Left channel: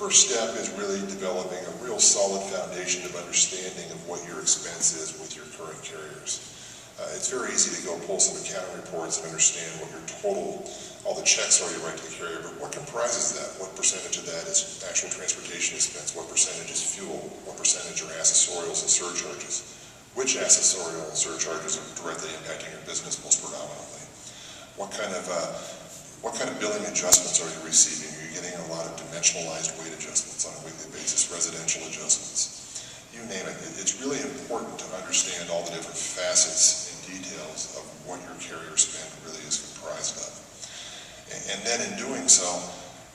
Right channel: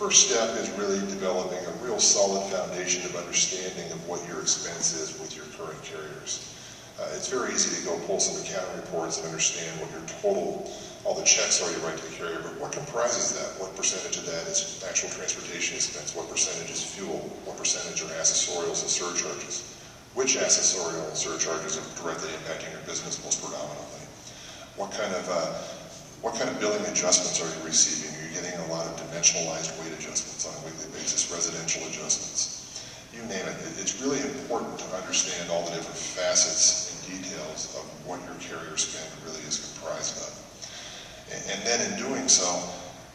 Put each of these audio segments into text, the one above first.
first step is really developing a real solid foundation of understanding of what your expense is with your current carriers. It's very easy to go pull some accounting reports and understand what your total, all the checks are you write to the carrier, but what comprises that? What percentage of that is actual transportation expense? What percentage is fuel? What percentage are accessorials and surcharges? Which accessorial and surcharges are directly impacting your business most predominantly? What kind of billing adjustments are you receiving? Are you getting a lot of dimensionalized weight adjustments on a weekly basis, residential adjustments? You name it. It's really important to understand all the different facets and details of what your carrier spend really is comprised of. And then in doing so,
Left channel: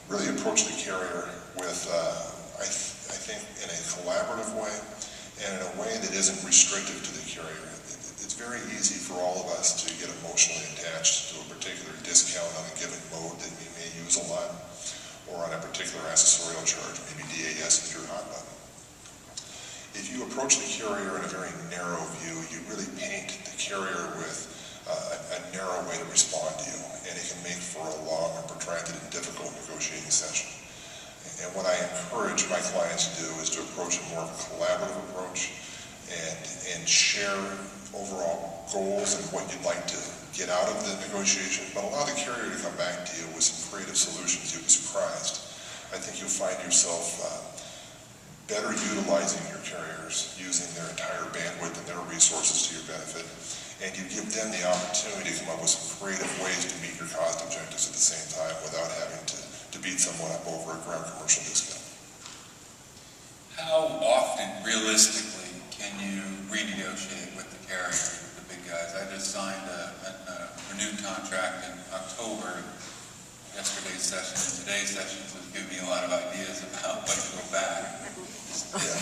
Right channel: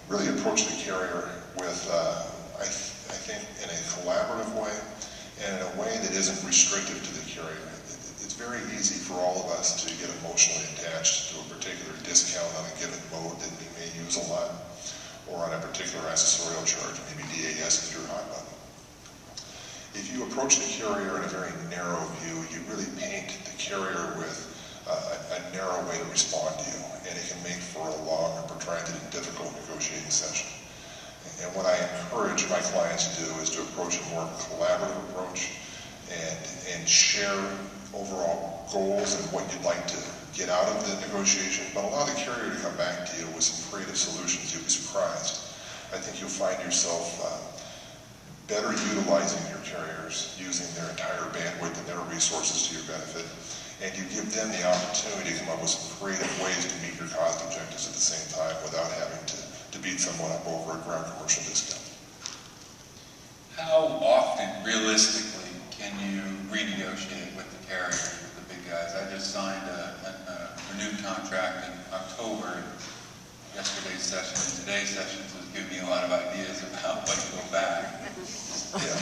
really approach the carrier with, I think, in a collaborative way and in a way that isn't restrictive to the carrier. It's very easy for all of us to get emotionally attached to a particular discount on a given mode that we may use a lot, or on a particular accessorial charge, maybe DAS is your hot button. If you approach the carrier in a very narrow view, you really paint the carrier with a narrow way to respond to you, and it can make for a long or protracted and difficult negotiating session. And what I encourage my clients to do is to approach a more collaborative approach and share overall goals and what you'd like to get out of the negotiation, but allow the carrier to come back to you with some creative solutions. You'll be surprised. I think you'll find yourself better utilizing your carriers, using their entire bandwidth and their resources to your benefit, and you give them the opportunity to come up with some creative ways to meet your cost objectives at the same time without having to beat someone up over a ground commercial discount. How often, realistically, can you renegotiate with the carrier, with the big guys? I just signed a renewed contract in October. Yesterday's session and today's sessions have given me a lot of ideas about when to go back.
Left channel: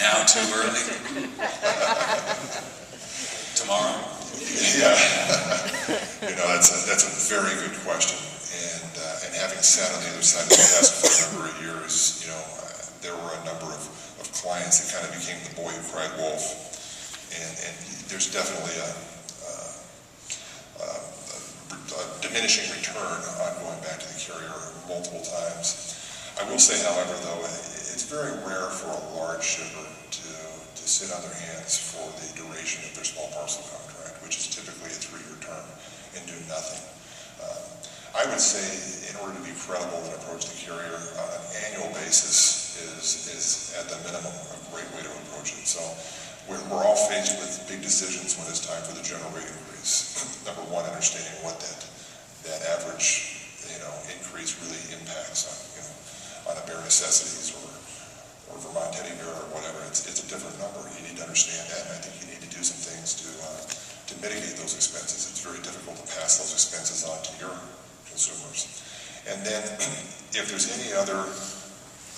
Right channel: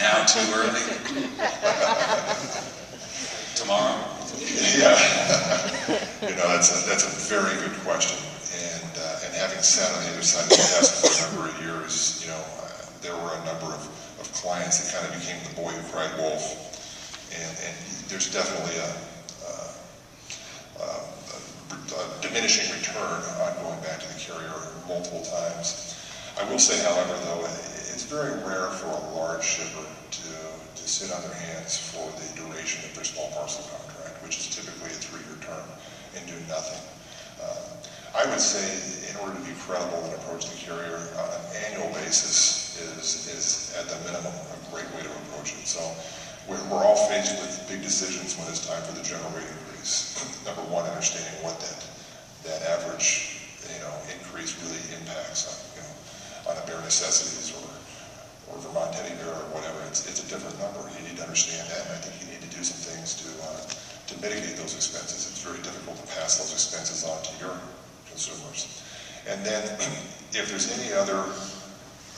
Now too early? Tomorrow? Yeah. That's a very good question. And having sat on the other side of the desk for a number of years, there were a number of clients that kind of became the boy who cried wolf. And there's definitely a diminishing return on going back to the carrier multiple times. I will say, however, though, it's very rare for a large shipper to sit on their hands for the duration of their small parcel contract, which is typically a 3-year term, and do nothing. I would say, in order to be credible and approach the carrier on an annual basis is at the minimum a great way to approach it. So we're all faced with big decisions when it's time for the general rate increase. Number one, understanding what that average increase really impacts on a bare necessities or Vermont teddy bear or whatever. It's a different number. You need to understand that, and I think you need to do some things to mitigate those expenses. It's very difficult to pass those expenses on to your consumers. And then if there's any other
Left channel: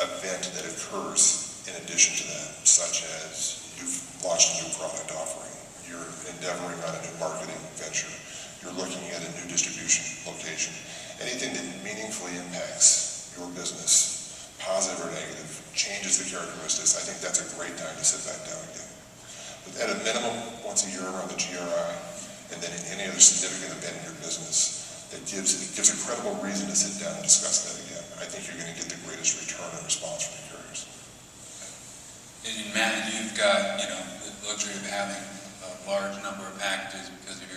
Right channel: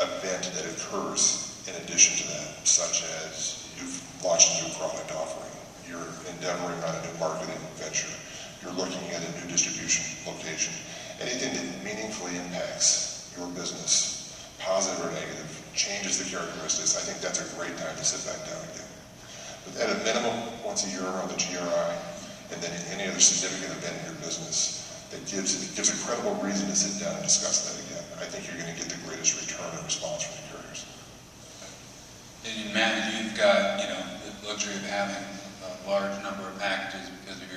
event that occurs in addition to that, such as you've launched a new product offering, you're endeavoring on a new marketing venture, you're looking at a new distribution location, anything that meaningfully impacts your business, positive or negative, changes the characteristics, I think that's a great time to sit back down again. But at a minimum, once a year around the GRI, and then any other significant event in your business that gives a credible reason to sit down and discuss that again, I think you're going to get the greatest return and response from the carriers. And Matt, you've got the luxury of having a large number of packages because of your